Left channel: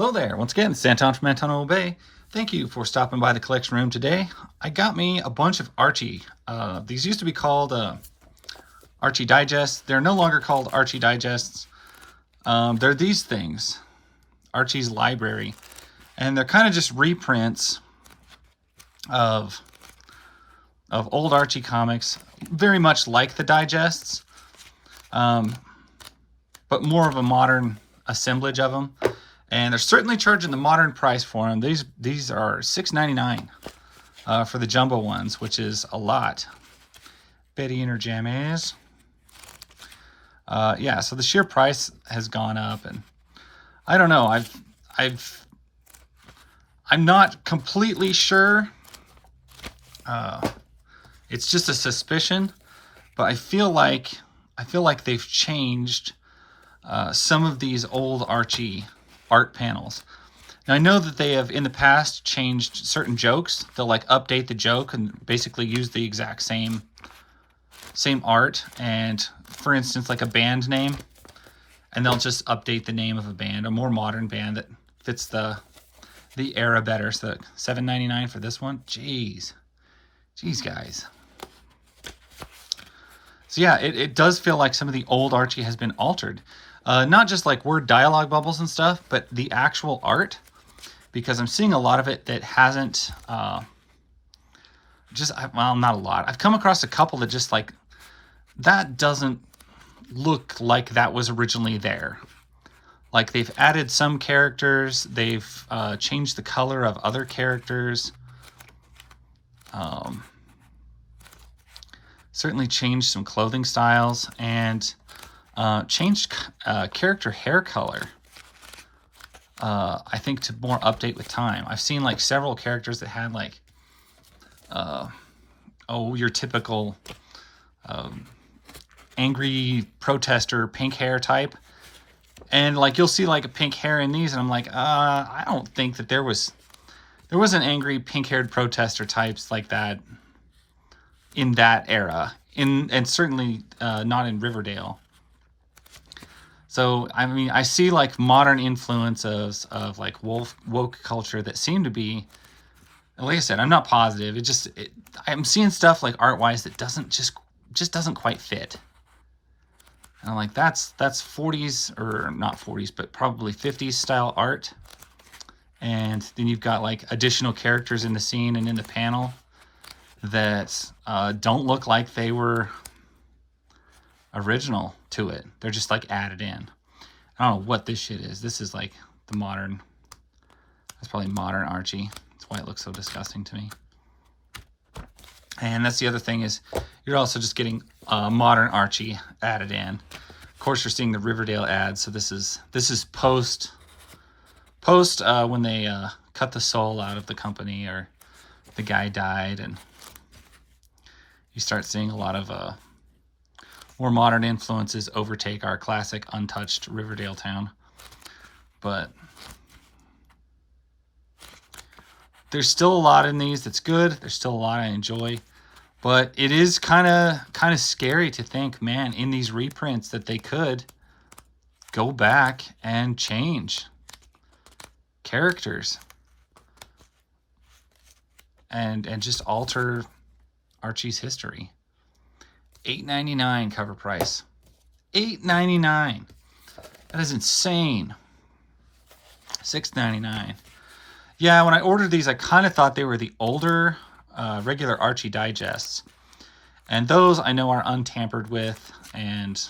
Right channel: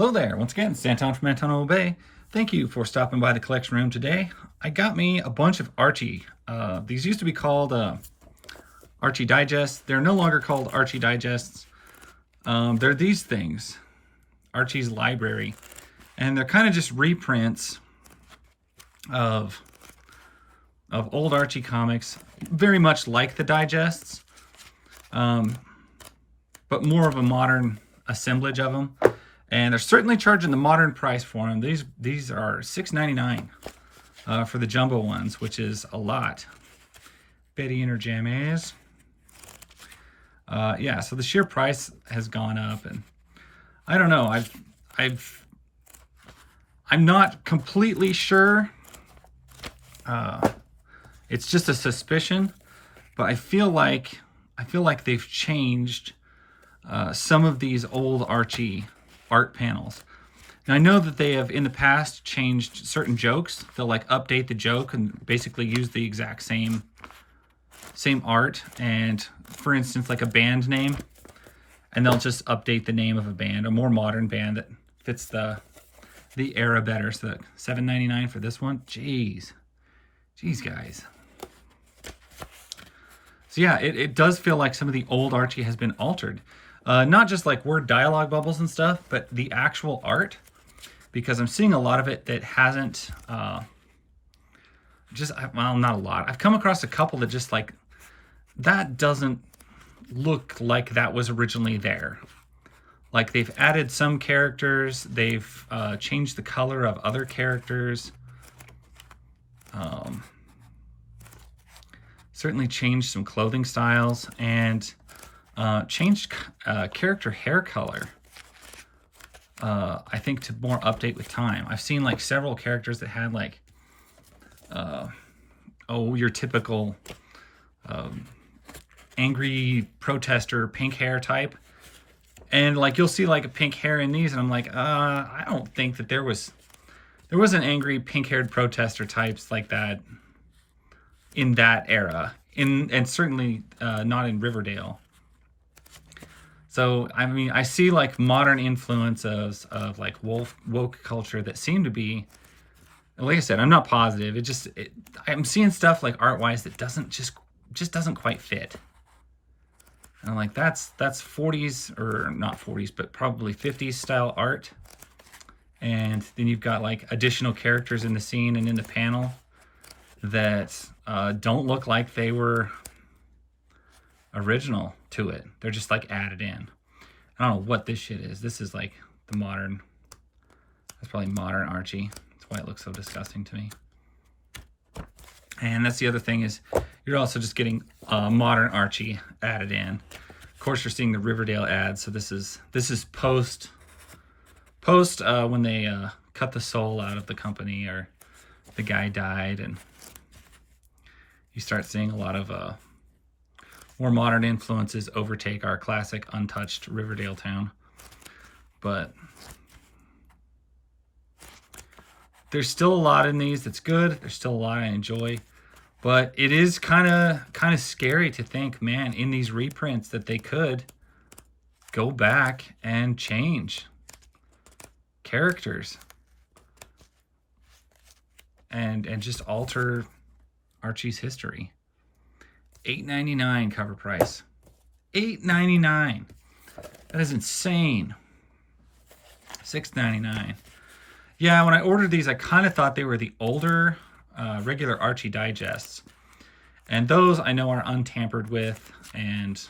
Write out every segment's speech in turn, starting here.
Hello there, once again, it's Anton from Anton Bay. Thank you for stopping by the collection room today. I got me a bunch of Archie. These used to be called Archie Digests. They're no longer called Archie Digests. They're these things, Archie's Library. And they're kind of just reprints of old Archie comics, very much like the digests, but more of a modern assemblage of them. And they're certainly charging the modern price for them. These are $6.99 for the jumbo ones, which is a lot. Betty in her jammies. Yeah, so the sheer price has gone up, and I don't know. I'm not completely sure. It's just a suspicion, but I feel like they've changed some of these old Archie art panels. Now I know that they have in the past changed certain jokes. They'll like update the joke and basically use the exact same art, and for instance like a band name, and they'll just update the name of a band, a more modern band that fits the era better. So $7.99 for this one. Jeez guys. So yeah, it does feel like some of the old Archie has been altered. Not just like word dialogue bubbles and stuff, but the actual art, because I'm seeing a lot of it that hasn't, well, not a lot. I've come across a couple that just like, that doesn't look like that was originally there. Like they've added some characters, they've changed the color of other characters. Certainly changed some clothing styles, and changed character hair color, I think, to more update with time. I've seen like several characters that had like, your typical angry protester pink hair type. And like you'll see like a pink hair in these, and I'm like, I don't think that there wasn't angry pink-haired protester types like that in that era, and certainly not in Riverdale. So, I mean, I see like modern influences of like woke culture that seem to be, like I said, I'm not positive. I'm seeing stuff like art-wise that just doesn't quite fit. And I'm like, that's 40s, or not 40s, but probably 50s style art. And then you've got like additional characters in the scene and in the panel that don't look like they were original to it. They're just like added in. I don't know what this shit is. This is like the modern, that's probably modern Archie. That's why it looks so disgusting to me. And that's the other thing, is you're also just getting modern Archie added in. Of course, you're seeing the Riverdale ads. So this is post when they cut the soul out of the company, or the guy died, and you start seeing a lot of more modern influences overtake our classic untouched Riverdale town. But there's still a lot in these that's good. There's still a lot I enjoy. But it is kind of scary to think, man, in these reprints that they could go back and change characters and just alter Archie's history. $8.99 cover price. $8.99. That is insane. $6.99. Yeah, when I ordered these, I kind of thought they were the older regular Archie digests, and those I know are untampered with, and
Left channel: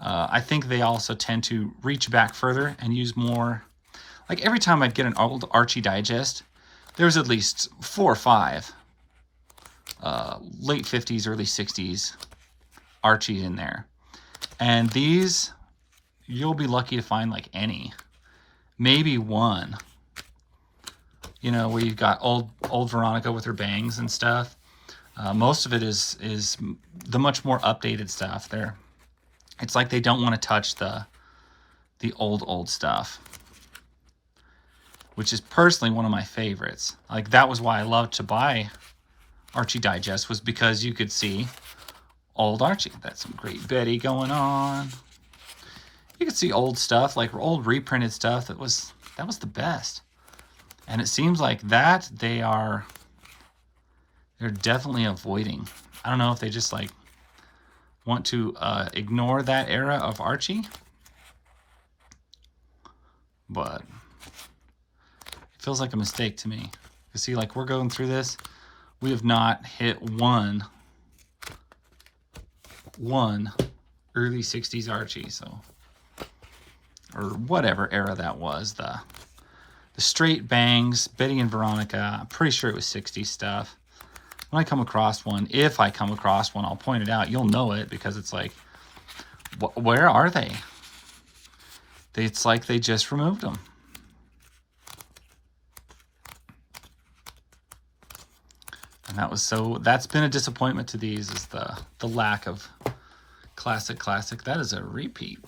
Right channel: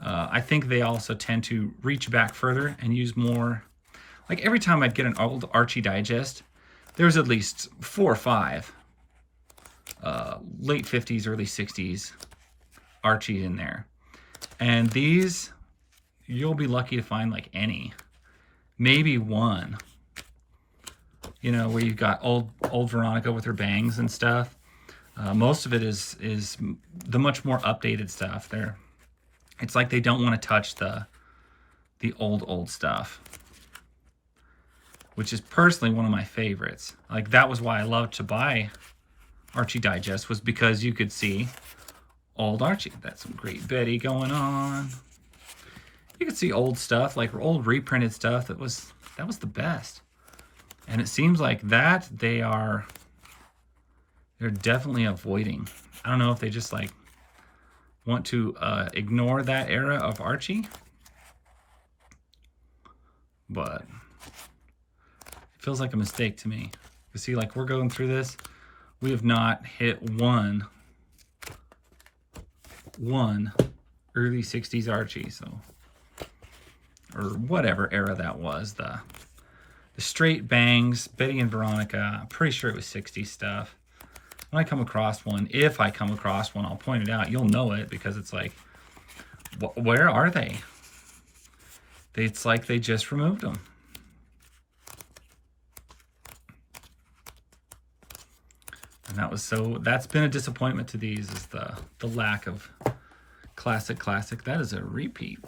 I think they also tend to reach back further and use more. Like every time I'd get an old Archie digest, there's at least 4 or 5 late 50s, early 60s Archie in there. And these, you'll be lucky to find like any. Maybe one. You know, where you've got old Veronica with her bangs and stuff. Most of it is the much more updated stuff there. It's like they don't want to touch the old stuff, which is personally one of my favorites. Like that was why I loved to buy Archie Digest, was because you could see old Archie. That's some great Betty going on. you could see old stuff, like old reprinted stuff that was the best. And it seems like that they're definitely avoiding. I don't know if they just like want to ignore that era of Archie, but it feels like a mistake to me. You see, like we're going through this, we have not hit one early 60s Archie, so, or whatever era that was, the straight bangs, Betty and Veronica. I'm pretty sure it was 60s stuff. When I come across one, if I come across one, I'll point it out. You'll know it because it's like, where are they? It's like they just removed them. And that's been a disappointment to these, is the lack of classic. That is a repeat.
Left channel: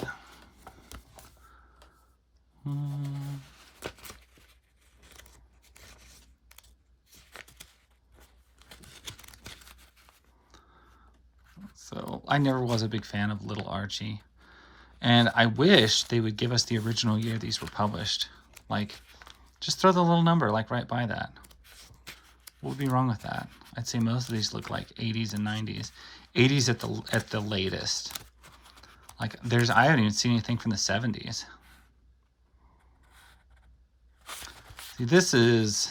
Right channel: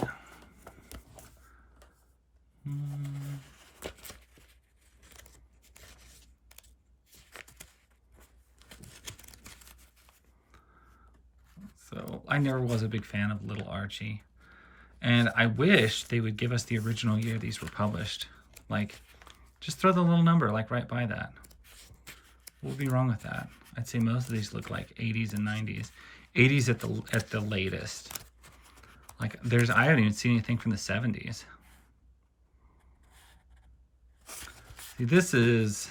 So I never was a big fan of Little Archie. And I wish they would give us the original year these were published. Like, just throw the little number like right by that. What would be wrong with that? I'd say most of these look like 80s and 90s. 80s at the latest. Like I haven't even seen anything from the 70s. See, this is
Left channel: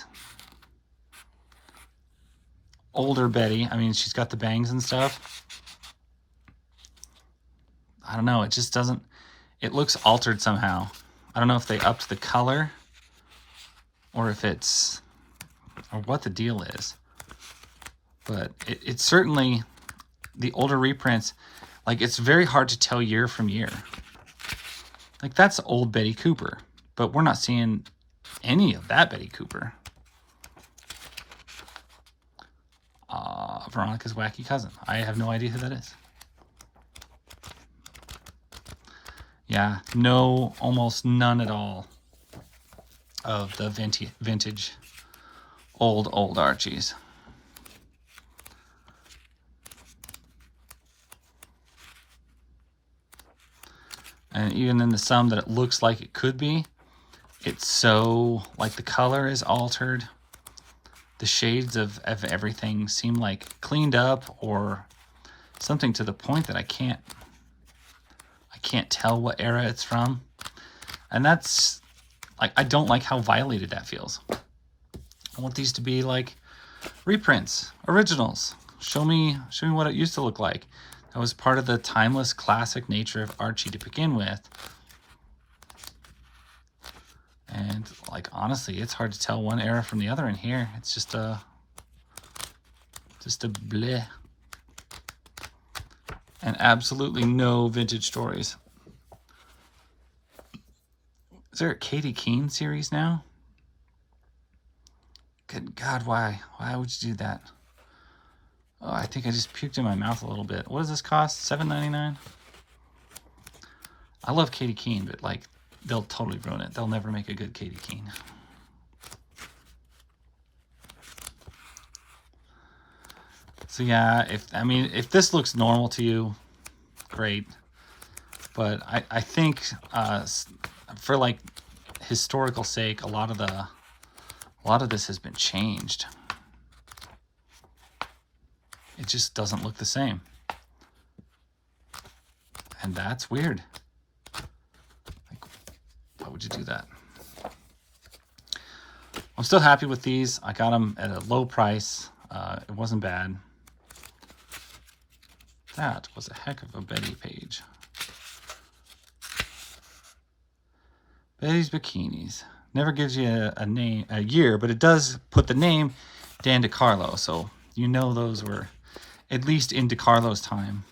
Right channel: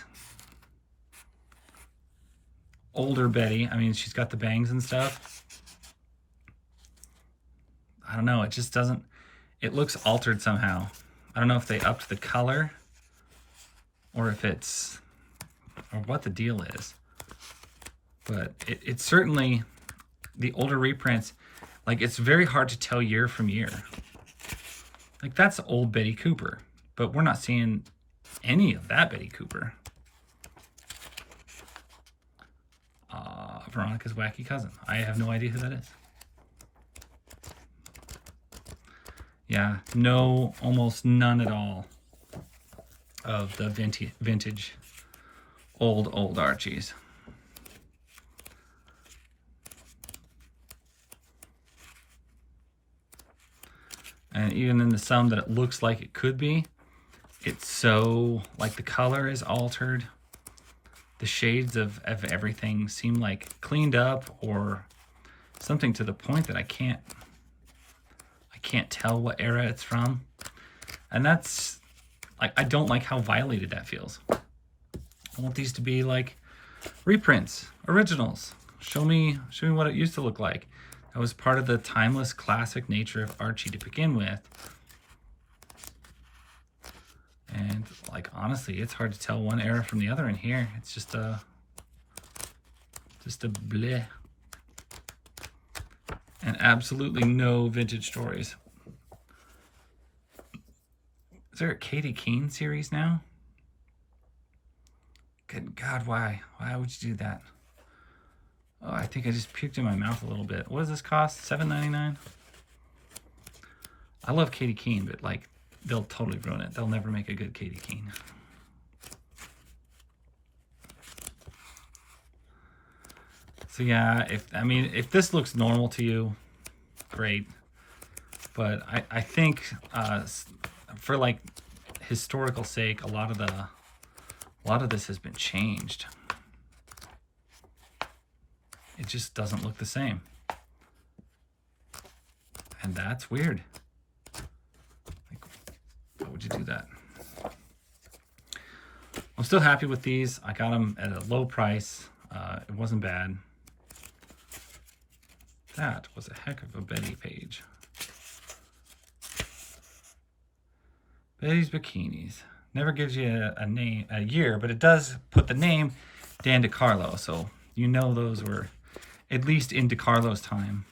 older Betty. I mean, she's got the bangs and stuff. I don't know, it just doesn't, it looks altered somehow. I don't know if they upped the color or if it's, or what the deal is. But it's certainly, the older reprints, like it's very hard to tell year from year. Like that's old Betty Cooper, but we're not seeing any of that Betty Cooper. Veronica's wacky cousin. I have no idea who that is. Yeah, no, almost none at all of the vintage old Archies. And even in the some that it looks like it could be, it's so, like the color is altered. The shades of everything seem like cleaned up or something to the point that I can't tell what era it's from. And that's, like, I don't like how violated that feels. I want these to be like reprints, originals. Show me what it used to look like. That was part of the timeless classic nature of Archie to begin with. And like, honestly, it's hard to tell one era from the other in here. It's just a bleh. And absolutely no vintage stories. Is there a Katie Keene series now? Good God, why? Why would you do that? Oh, I think I just puked in my mouth a little bit. What does this cost? $7.99? I love Katie Keene, but like, they'll totally ruin it. They'll never make a good Katie Keene. So yeah, if this looks normal to you, great. But I think for like historical sake, a lot of this has been changed. It just doesn't look the same. And that's weird. Like, why would you do that? I'm still happy with these. I got them at a low price. It wasn't bad. That was a heck of a Betty page. Betty's Bikinis. Never gives you a year, but it does put the name Dan DeCarlo, so you know those were at least in DeCarlo's time,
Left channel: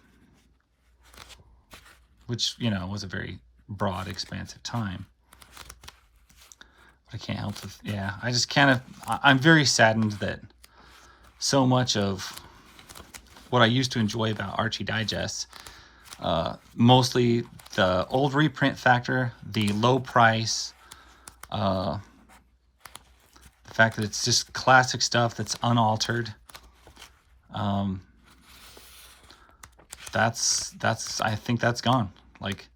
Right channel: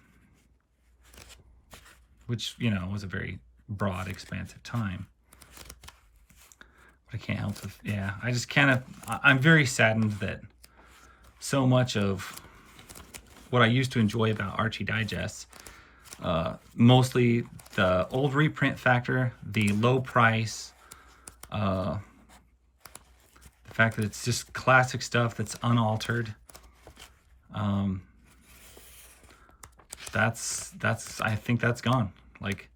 which, you know, was a very broad, expansive time. But I can't help with, yeah, I just kind of, I'm very saddened that so much of what I used to enjoy about Archie Digests, mostly the old reprint factor, the low price, the fact that it's just classic stuff that's unaltered. I think that's gone. Like,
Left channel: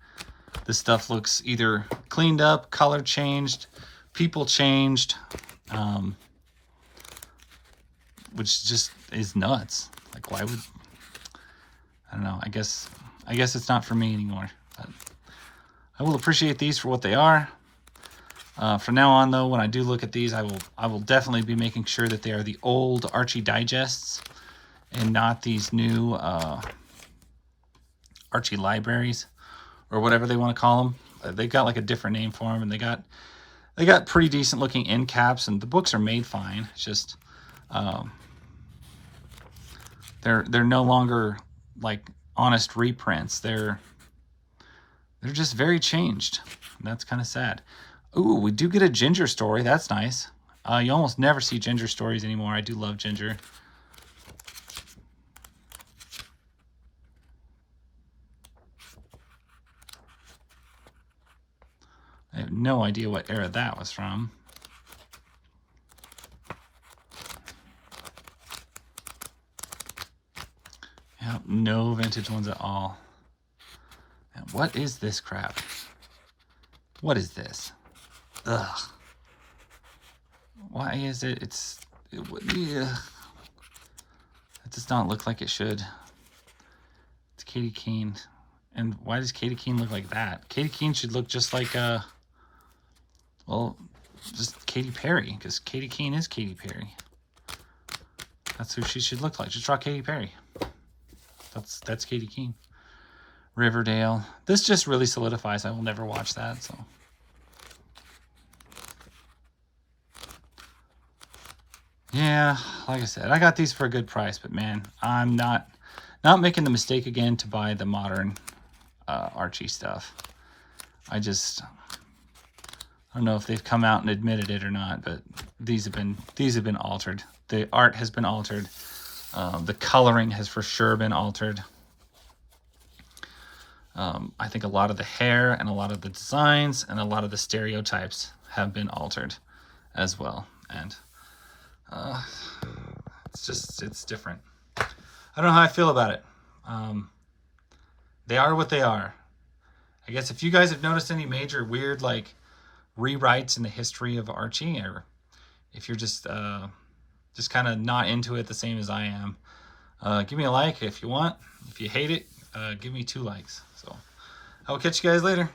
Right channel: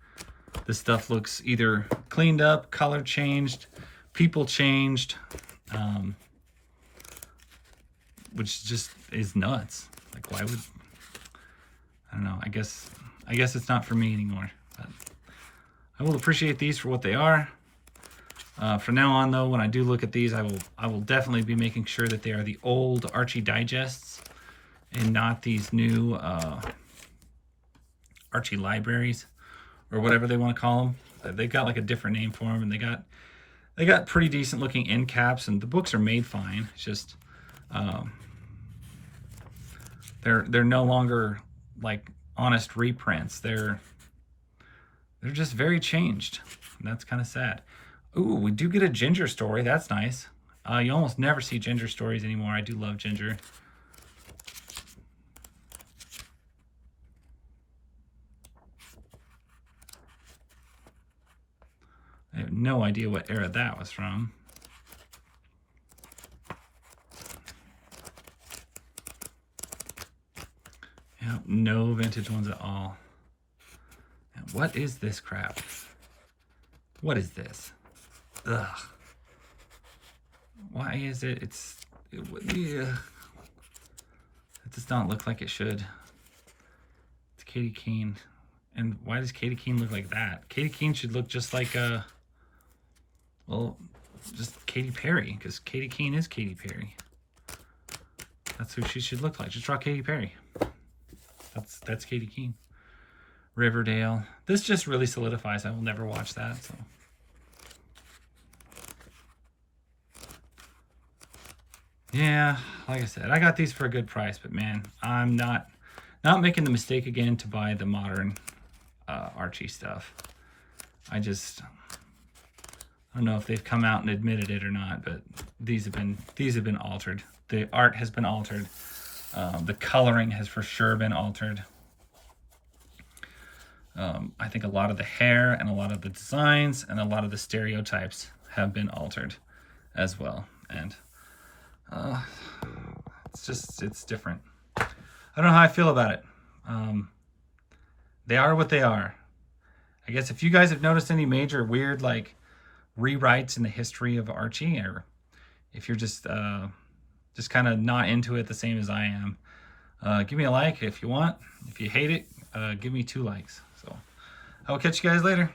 This stuff looks either cleaned up, color changed, people changed, which just is nuts. Like, why would, I don't know, I guess it's not for me anymore. But I will appreciate these for what they are. From now on, though, when I do look at these, I will definitely be making sure that they are the old Archie digests and not these new Archie libraries or whatever they want to call them. They've got like a different name for them, and they got pretty decent looking end caps, and the books are made fine. It's just they're no longer like honest reprints. They're just very changed. And that's kind of sad. Ooh, we do get a Ginger story. That's nice. You almost never see Ginger stories anymore. I do love Ginger. I have no idea what era that was from. Yep, no vintage ones at all. And what is this crap? What is this? Ugh. Why is it? Yeah. It does not look like it should. It's Katie Keene. And why does Katie Keene look like that? Katie Keene should look just like well, just Katy Perry, because Katie Keene is Katy Perry. That's who she should look like. Just draw Katy Perry. That's Katie Keene. Riverdale. This just really solidifies I will never watch that, so. Yeah, like I said, I got these for a good price, but man, I'm not making the mistake again to buy the modern Archie stuff. I don't know if they've come out and admitted it or not, but these have been altered. The art has been altered. The coloring has for sure been altered. I think a lot of the hair and a lot of the designs and a lot of the stereotypes have been altered as well. And it's different. I don't know how I feel about it. They are what they are. I guess if you guys have noticed any major weird like rewrites in the history of Archie, or if you're just kind of not into it the same as I am, give me a like if you want. If you hate it, give me 2 likes. So I will catch you guys later.